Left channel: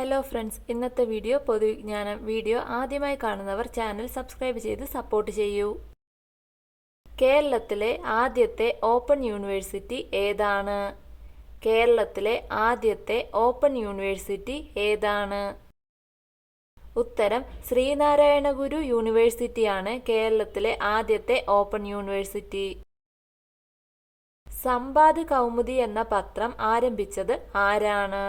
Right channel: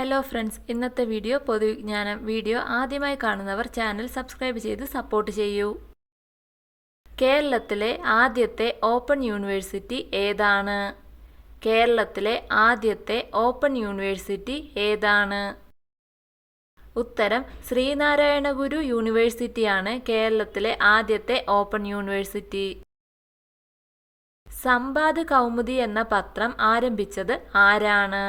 Hello friends, ഇന്നത്തെ video പൊതുവിജ്ഞാനം video ആദ്യമായി കാണുന്നവർ ചാനൽ സബ്സ്ക്രൈബ് ചെയ്ത് സപ്പോർട്ട് ചെയ്യൂ. കേരളത്തിലെ ആദ്യത്തെ ഓപ്പൺ യൂണിവേഴ്സിറ്റി ഏതാണ്? കേരളത്തിലെ ആദ്യത്തെ ഓപ്പൺ യൂണിവേഴ്സിറ്റി ഏതാണ്? ഉത്തരം ശ്രീനാരായണ ഗുരു യൂണിവേഴ്സിറ്റിയാണ് കേരളത്തിലെ ആദ്യത്തെ ഓപ്പൺ യൂണിവേഴ്സിറ്റി. സമ്പാദ് കൗമുദി എന്ന പത്രം ആരംഭിച്ചത് ആരാണ്?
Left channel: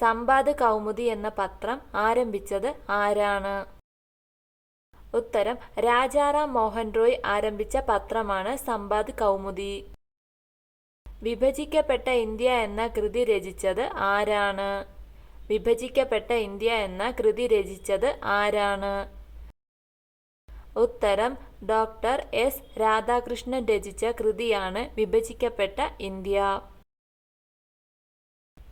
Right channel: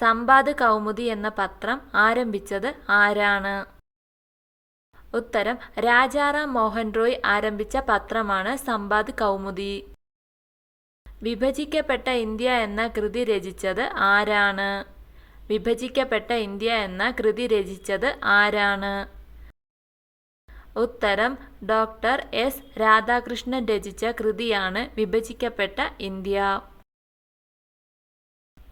സമ്പാദ് കൗമുദി എന്ന പത്രം ആരംഭിച്ചത് ആരാണ്? ഉത്തരം രാജാറാം മോഹൻ റോയ് ആരംഭിച്ച പത്രമാണ് സമ്പാദ് കൗമുദി. വിഭജിക്കപ്പെട്ട ഇന്ത്യ എന്ന കൃതി രചിച്ചത് ആരാണ്? വിഭജിക്കപ്പെട്ട ഇന്ത്യ എന്ന കൃതി രചിച്ചത് ആരാണ്? ഉത്തരം ഡോക്ടർ എസ് രാധാകൃഷ്ണൻ രചിച്ച കൃതിയാണ് വിഭജിക്കപ്പെട്ട ഇന്ത്യ.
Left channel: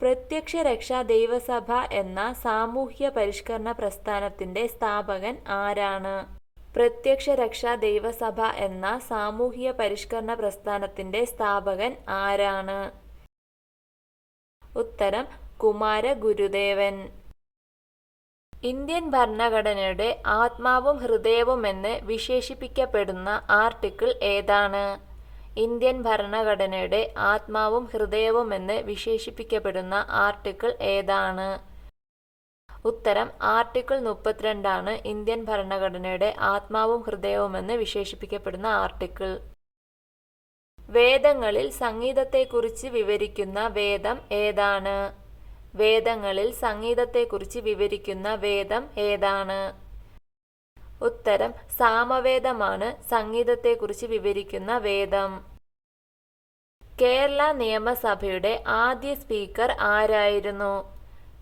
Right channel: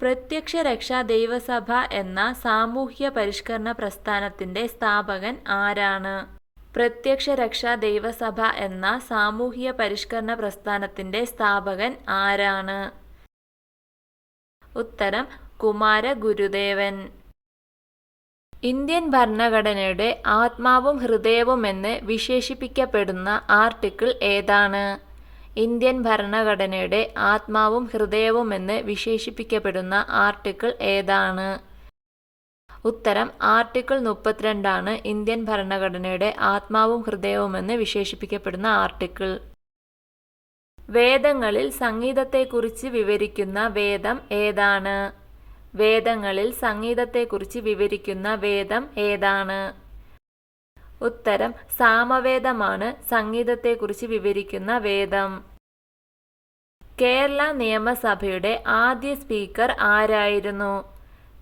പ്രത്യക്ഷ രക്ഷാ ദൈവസഭ എന്ന സാമൂഹ്യ പരിഷ്കരണ പ്രസ്ഥാനത്തിന്റെ സ്ഥാപകൻ ആരാണ്? പ്രത്യക്ഷ രക്ഷാ ദൈവസഭ എന്ന സാമൂഹ്യ പരിഷ്കരണ പ്രസ്ഥാനത്തിന്റെ സ്ഥാപകൻ ആരാണ്? ഉത്തരം കുമാര ഗുരുദേവൻ. ഇന്ത്യൻ ഭരണഘടനയുടെ ആത്മാവും ഹൃദയവും എന്ന് വിശേഷിപ്പിക്കപ്പെടുന്ന ആർട്ടിക്കിൾ ഏതാണ്? ഇന്ത്യൻ ഭരണഘടനയുടെ ആത്മാവും ഹൃദയവും എന്ന് വിശേഷിപ്പിക്കപ്പെടുന്ന ആർട്ടിക്കിൾ ഏതാണ്? ഉത്തരം ആർട്ടിക്കിൾ 32 ഇന്ത്യൻ ഭരണഘടനയുടെ ആത്മാവും ഹൃദയവും എന്ന് വിശേഷിപ്പിക്കപ്പെടുന്ന ആർട്ടിക്കിൾ. വേദങ്ങളിൽ സംഗീതത്തെക്കുറിച്ച് വിവരിക്കുന്ന വേദം ഏതാണ്? വേദങ്ങളിൽ സംഗീതത്തെക്കുറിച്ച് വിവരിക്കുന്ന വേദം ഏതാണ്? ഉത്തരം സാമവേദമാണ് സംഗീതത്തെക്കുറിച്ച് വിവരിക്കുന്ന വേദം. കേരള നിയമസഭയുടെ ആദ്യ സ്പീക്കർ ആരായിരുന്നു?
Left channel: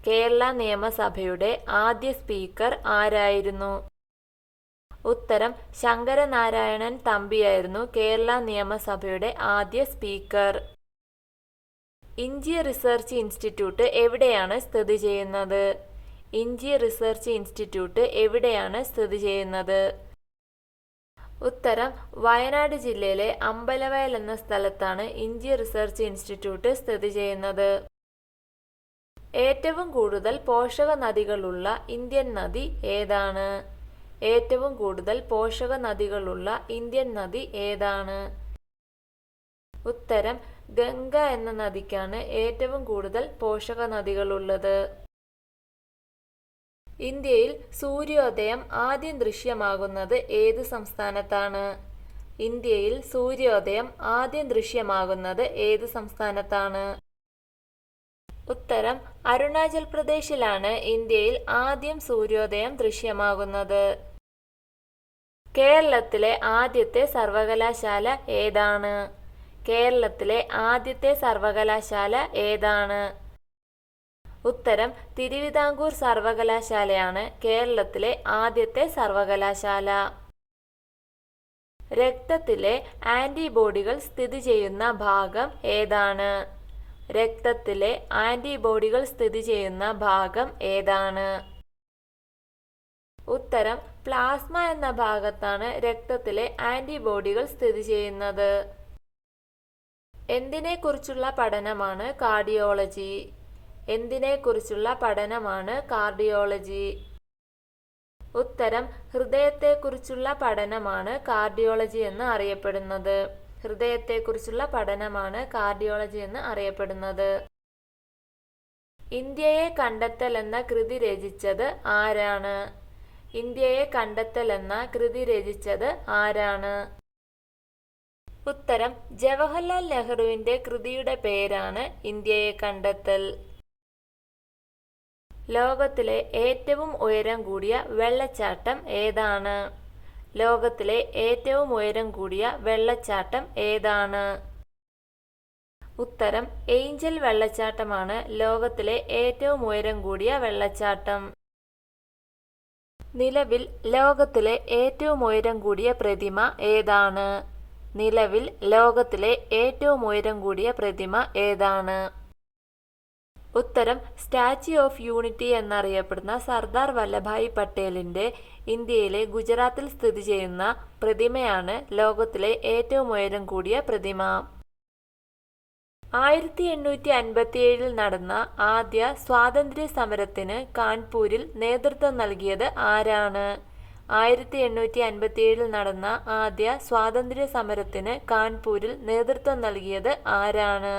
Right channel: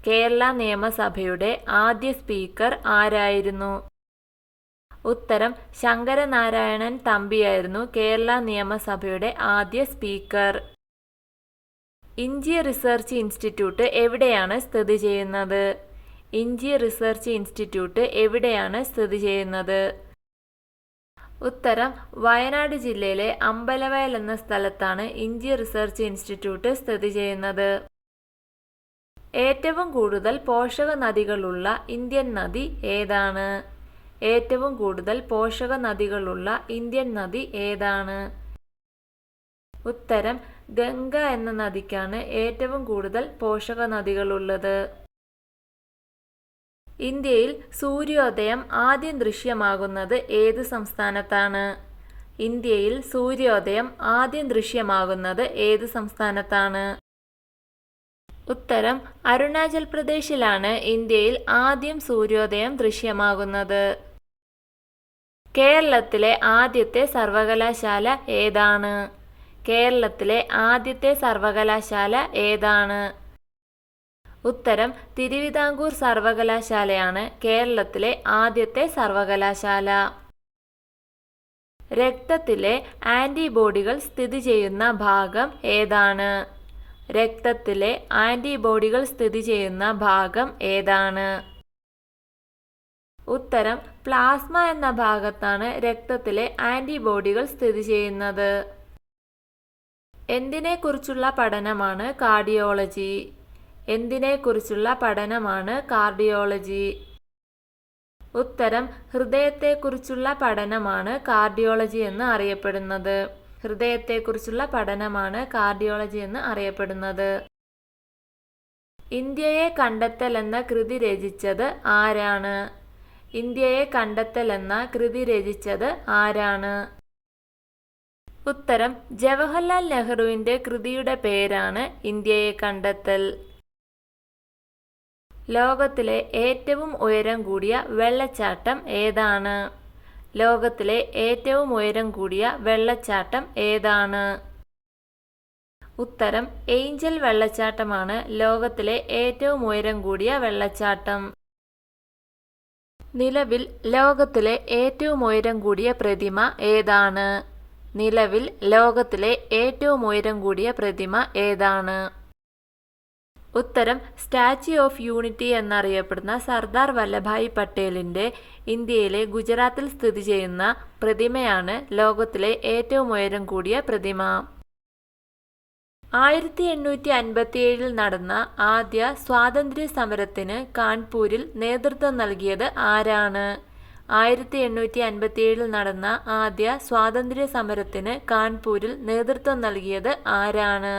കേരള നിയമസഭയുടെ ആദ്യ സ്പീക്കർ ആരായിരുന്നു? ഉത്തരം ശങ്കരനാരായണൻ തമ്പിയായിരുന്നു കേരള നിയമസഭയുടെ ആദ്യ സ്പീക്കർ. ഇഞ്ചി റിസർച്ച് ഇൻസ്റ്റിറ്റ്യൂട്ട് എവിടെയാണ് സ്ഥിതി ചെയ്യുന്നത്? ഇഞ്ചി റിസർച്ച് ഇൻസ്റ്റിറ്റ്യൂട്ട് എവിടെയാണ് സ്ഥിതി ചെയ്യുന്നത്? ഉത്തരം വയനാട് ജില്ലയിലെ അമ്പലവയൽ എന്ന സ്ഥലത്താണ് ഇഞ്ചി റിസർച്ച് ഇൻസ്റ്റിറ്റ്യൂട്ട് സ്ഥിതി ചെയ്യുന്നത്. ഏറ്റവും കൂടുതൽ പോഷക നദികളുള്ള ഇന്ത്യൻ നദി ഏതാണ്? ഏറ്റവും കൂടുതൽ പോഷക നദികളുള്ള ഇന്ത്യൻ നദി ഏതാണ്? ഉത്തരം ഗംഗ എന്ന നദിക്കാണ് ഏറ്റവും കൂടുതൽ പോഷക നദികളുള്ളത്. ഇന്ത്യയിൽ സൂര്യോദയം ആദ്യം ദൃശ്യമാകുന്നത് ഏത് സംസ്ഥാനത്താണ്? ഇന്ത്യയിൽ സൂര്യോദയം ആദ്യം ദൃശ്യമാകുന്നത് ഏത് സംസ്ഥാനത്താണ്? ഉത്തരം അരുണാചൽ പ്രദേശിലാണ് ഇന്ത്യയിൽ ആദ്യം സൂര്യോദയം ദൃശ്യമാകുന്നത്. കേരളത്തിലെ ആദ്യത്തെ സർവകലാശാല ഏതാണ്? കേരളത്തിലെ ആദ്യത്തെ സർവകലാശാല ഏതാണ്? ഉത്തരം തിരുവിതാംകൂർ സർവകലാശാലയാണ് കേരളത്തിലെ ആദ്യത്തെ സർവകലാശാല. രക്തത്തിലെ ആന്റിബോഡികൾ സ്ഥിതി ചെയ്യുന്ന ഭാഗം ഏതാണ്? രക്തത്തിലെ ആന്റിബോഡികൾ സ്ഥിതി ചെയ്യുന്ന ഭാഗം ഏതാണ്? ഉത്തരം പ്ലാസ്മ എന്ന ഭാഗത്താണ് രക്തത്തിലെ ആന്റിബോഡികൾ സ്ഥിതി ചെയ്യുന്നത്. എന്തിനെക്കുറിച്ചുള്ള പഠനമാണ് കാർഡിയോളജി? എന്തിനെക്കുറിച്ചുള്ള പഠനമാണ് കാർഡിയോളജി? ഉത്തരം ഹൃദയത്തെക്കുറിച്ചുള്ള പഠനമാണ് കാർഡിയോളജി എന്ന് അറിയപ്പെടുന്നത്. ഹൃദയത്തെക്കുറിച്ചുള്ള പഠനമാണ് കാർഡിയോളജി എന്ന് അറിയപ്പെടുന്നത്. ഇന്ത്യയെ കണ്ടെത്തൽ എന്ന കൃതി രചിച്ചത് ആരാണ്? ഇന്ത്യയെ കണ്ടെത്തൽ എന്ന കൃതി രചിച്ചത് ആരാണ്? ഉത്തരം ജവഹർലാൽ നെഹ്റുവിന്റെ കൃതിയുടെ പേരാണ് ഇന്ത്യയെ കണ്ടെത്തൽ. ലോകത്തിലെ ഏറ്റവും ഉയരം കൂടിയ വെള്ളച്ചാട്ടം ഏതാണ്? ലോകത്തിലെ ഏറ്റവും ഉയരം കൂടിയ വെള്ളച്ചാട്ടം ഏതാണ്? ഉത്തരം ഏഞ്ചൽ വെള്ളച്ചാട്ടമാണ് ലോകത്തിലെ ഏറ്റവും ഉയരം കൂടിയ വെള്ളച്ചാട്ടം. നിലവിൽ ലോകത്തിലെ ഏറ്റവും ഉയരം കൂടിയ പ്രതിമ ഏതാണ്? നിലവിൽ ലോകത്തിലെ ഏറ്റവും ഉയരം കൂടിയ പ്രതിമ ഏതാണ്? ഉത്തരം സ്റ്റാച്യു ഓഫ് യൂണിറ്റി എന്നറിയപ്പെടുന്ന സർദാർ വല്ലഭായ് പട്ടേലിന്റെ ഇന്ത്യയിലെ ഗുജറാത്തിൽ സ്ഥിതി ചെയ്യുന്ന പ്രതിമയാണ് ലോകത്തിലെ ഏറ്റവും ഉയരം കൂടിയ പ്രതിമ. 1857 നടന്ന ആദ്യ സ്വാതന്ത്ര്യ സമരത്തിന് കാൺപൂരിൽ നേതൃത്വം നൽകിയത് ആരാണ്? 1857 നടന്ന ആദ്യ സ്വാതന്ത്ര്യ സമരത്തിന് കാൺപൂരിൽ നേതൃത്വം നൽകിയത് ആരാണ്?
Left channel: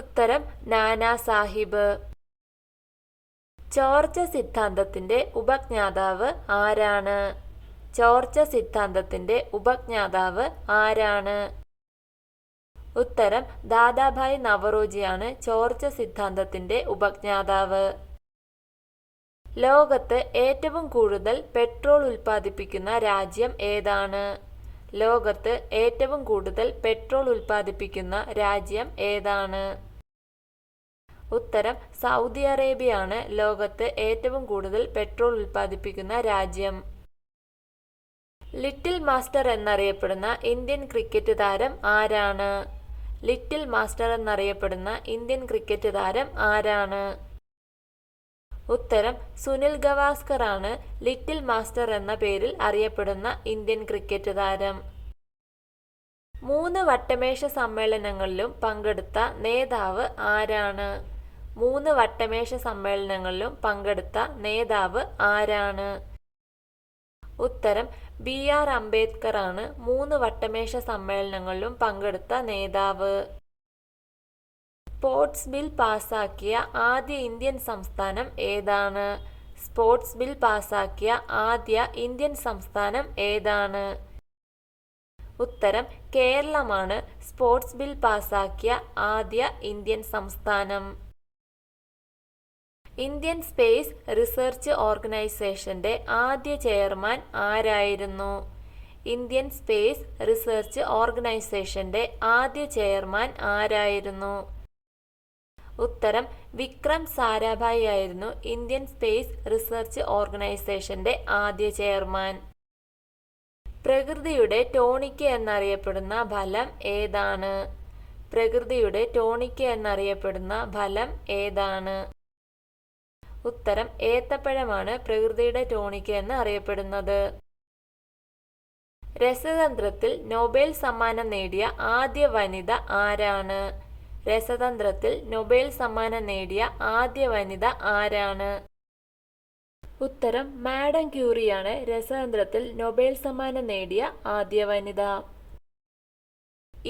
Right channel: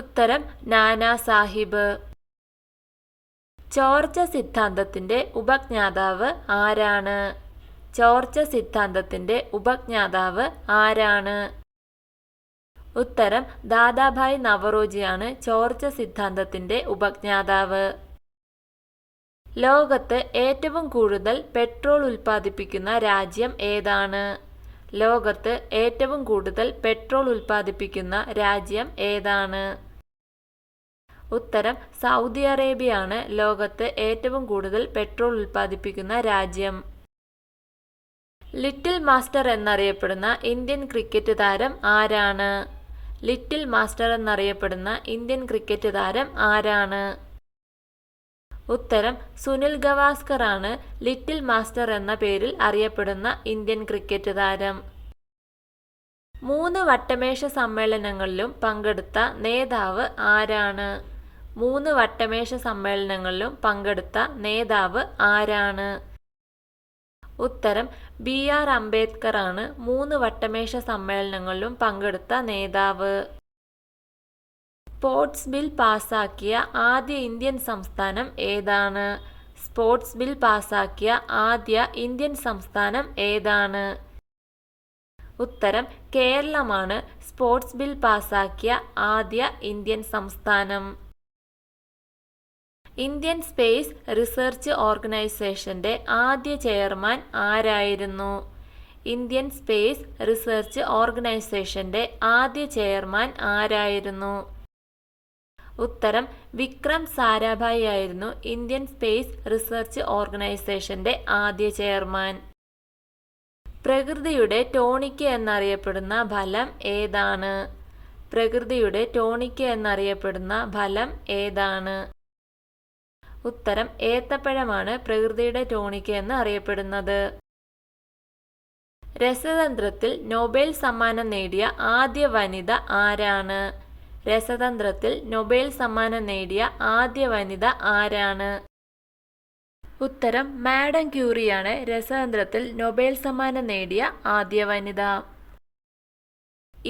ഉത്തരം നാനാ സാഹിബ്. ചോർച്ച സിദ്ധാന്തത്തിന്റെ ഉപജ്ഞാതാവ് ആരാണ്? ചോർച്ച സിദ്ധാന്തത്തിന്റെ ഉപജ്ഞാതാവ് ആരാണ്? ഉത്തരം ദാദാഭായ് നവറോജിയാണ് ചോർച്ച സിദ്ധാന്തത്തിന്റെ ഉപജ്ഞാതാവ്. ലോകത്ത് ഏറ്റവും കൂടുതൽ പെട്രോൾ ഉൽപ്പാദിപ്പിക്കുന്ന രാജ്യം ഏതാണ്? ലോകത്ത് ഏറ്റവും കൂടുതൽ പെട്രോൾ ഉൽപ്പാദിപ്പിക്കുന്ന രാജ്യം ഏതാണ്? ഉത്തരം സൗദി അറേബ്യയാണ് ലോകത്ത് ഏറ്റവും കൂടുതൽ പെട്രോൾ ഉൽപ്പാദിപ്പിക്കുന്ന രാജ്യം. ലിറ്റിൽ മാസ്റ്റർ എന്നറിയപ്പെടുന്ന ഇന്ത്യൻ ക്രിക്കറ്റ് താരം ആരാണ്? ലിറ്റിൽ മാസ്റ്റർ എന്നറിയപ്പെടുന്ന ഇന്ത്യൻ ക്രിക്കറ്റ് താരം ആരാണ്? ഉത്തരം സുനിൽ ഗവാസ്കർ ആണ് ലിറ്റിൽ മാസ്റ്റർ എന്ന പേരിൽ അറിയപ്പെടുന്ന ഇന്ത്യൻ ക്രിക്കറ്റ് താരം. 3 വട്ടമേശ സമ്മേളനങ്ങളിലും പങ്കെടുത്ത നേതാവ് ആരാണ്? 3 വട്ടമേശ സമ്മേളനങ്ങളിലും പങ്കെടുത്ത നേതാവ് ആരാണ്? ഉത്തരം BR അംബേദ്കർ ആണ് 3 വട്ടമേശ സമ്മേളനങ്ങളിലും പങ്കെടുത്ത നേതാവ്. സ്പോർട്സ് ബിൽ പാസാക്കിയ ആദ്യ ഇന്ത്യൻ സംസ്ഥാനം ഏതാണ്? സ്പോർട്സ് ബിൽ പാസാക്കിയ ആദ്യ ഇന്ത്യൻ സംസ്ഥാനം ഏതാണ്? ഉത്തരം കേരളമാണ് സ്പോർട്സ് ബിൽ പാസാക്കിയ ആദ്യ ഇന്ത്യൻ സംസ്ഥാനം. ഇന്ത്യൻ സ്പേസ് റിസർച്ച് ഓർഗനൈസേഷന്റെ ആദ്യ ചെയർമാൻ ആരായിരുന്നു? ഇന്ത്യൻ സ്പേസ് റിസർച്ച് ഓർഗനൈസേഷന്റെ ആദ്യ ചെയർമാൻ ആരായിരുന്നു? ഉത്തരം വിക്രം സാരാഭായി ആയിരുന്നു ഇന്ത്യൻ സ്പേസ് റിസർച്ച് ഓർഗനൈസേഷന്റെ ആദ്യ ചെയർമാൻ. പ്രകൃതിയുടെ ടോണിക് എന്നറിയപ്പെടുന്ന ഫലം ഏതാണ്? പ്രകൃതിയുടെ ടോണിക് എന്നറിയപ്പെടുന്ന ഫലം ഏതാണ്? ഉത്തരം ഏത്തപ്പഴമാണ് പ്രകൃതിയുടെ ടോണിക് എന്ന് അറിയപ്പെടുന്നത്. രസതന്ത്രത്തിൽ നൊബേൽ സമ്മാനം നേടിയ ആദ്യ വനിത ആരാണ്? രസതന്ത്രത്തിൽ നൊബേൽ സമ്മാനം നേടിയ ആദ്യ വനിത ആരാണ്? ഉത്തരം മാഡം ക്യൂറിയാണ് രസതന്ത്രത്തിൽ നൊബേൽ സമ്മാനം നേടിയ ആദ്യ വനിത.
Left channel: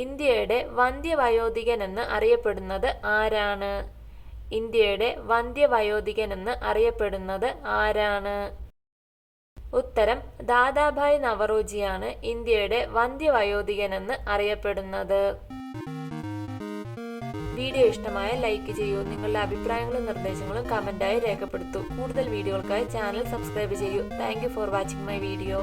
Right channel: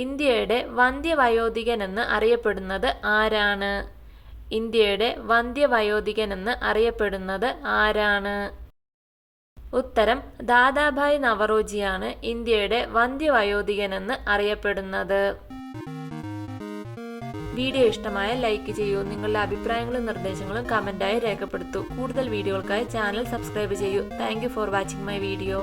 ഇന്ത്യയുടെ വന്ധ്യവയോധികൻ എന്ന് അറിയപ്പെടുന്നത് ആരാണ്? ഇന്ത്യയുടെ വന്ധ്യവയോധികൻ എന്ന് അറിയപ്പെടുന്നത് ആരാണ്? ഉത്തരം ദാദാഭായ് നവറോജിയാണ് ഇന്ത്യയുടെ വന്ധ്യവയോധികൻ എന്ന് അറിയപ്പെടുന്നത്. വീഡിയോ ഇഷ്ടമായ ലൈക്ക് ചെയ്യൂ. നിങ്ങളുടെ അഭിപ്രായങ്ങളും നിർദ്ദേശങ്ങളും കമന്റായി രേഖപ്പെടുത്തൂ. കൂടുതൽ വീഡിയോകൾക്കായി ചാനൽ സബ്സ്ക്രൈബ് ചെയ്യൂ. Thank you for watching my video.